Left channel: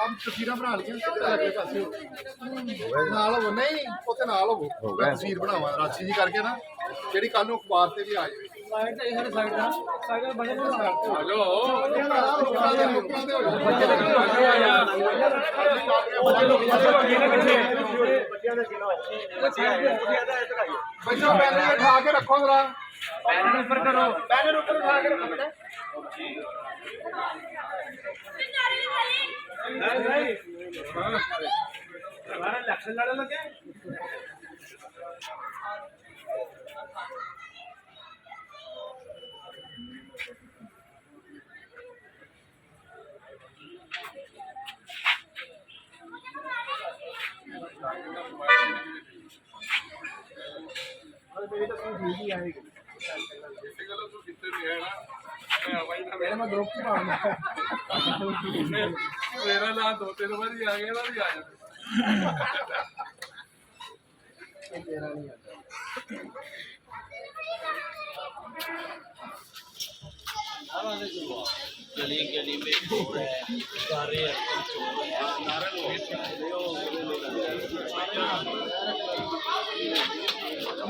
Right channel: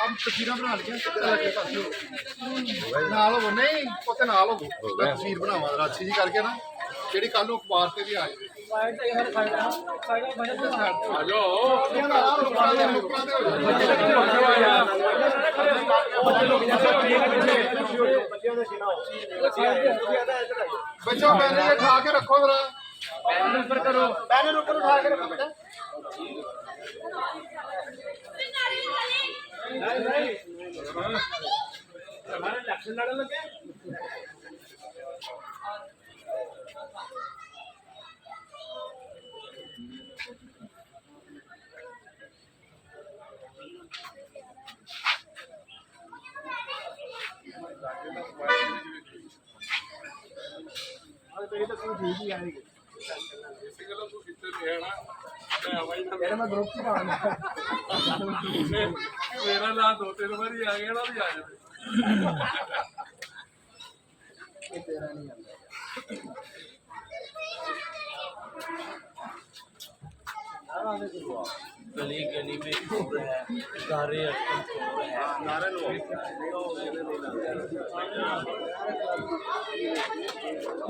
ਆਪ ਤਸਵੀਰਾਂ ਬਣਾ ਲਈਆਂ ਨਾਲ ਹੋਵੋ ਨਹੀਂ ਉੱਥੇ ਨਾਲ ਹੋਵੋ ਮੈਂ ਤਸਵੀਰ ਬਣਾਵਾਂ ਰਾਸ਼ੀ ਜੀ ਕਰਕੇ ਨਾ ਜਿਹੜੀ ਕੱਲ ਨੂੰ ਅਖਬਾਰ ਤੇ ਵੀ ਆ ਜਾਵੇ ਸਾਈਡ ਤੇ ਹਰ ਸਾਈਡ ਤੇ ਸਾਈਡ ਬਣੇ ਤੇ ਸਾਈਡ ਤੇ ਹਲੋ ਬੱਚਿਆਂ ਦਾ ਕਿਲਾ ਬੱਚਾ ਬੈਨਰ ਉਠਾ ਕੇ ਰੱਖੋ ਜਰਾ ਬੈਨਰ ਉੱਪਰ ਕਰੋ ਬੈਨਰ ਉੱਪਰ ਉਠਾ ਕੇ ਰੱਖੋ ਬੇਟਾ ਨਹੀਂ हमारा इलेक्शन लड़ने लगे मैं ग्रुप की मेरा ना 2-3 बार आ गया ना भी आ जाए तेरा नहीं आता गली गली में चोर है सारे चोर है सारे लोग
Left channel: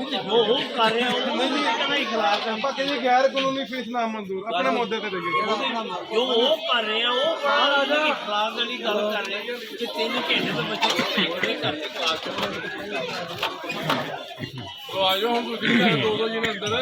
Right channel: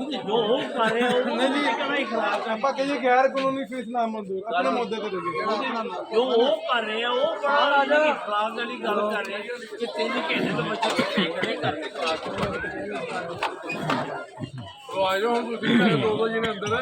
जो हो कर रहे हैं उन्हें नहीं खिलाफ ਆਪਾਂ ਕਹਿੰਦੇ ਗੈਰ ਕਾਨੂੰਨੀ ਫੀਸ ਨਾ ਮਨਜ਼ੂਰ ਆਪਣੇ ਮੁੱਦੇ ਤੇ ਦੇਈਏ जो वो कर रहे हैं वो खिलाफ वाली गल कर रहे हैं कि 3 घंटे तो बच्चे खड़े करके क्लास तो आ जाओ हम दूसरी 2-2 जी ने अंदर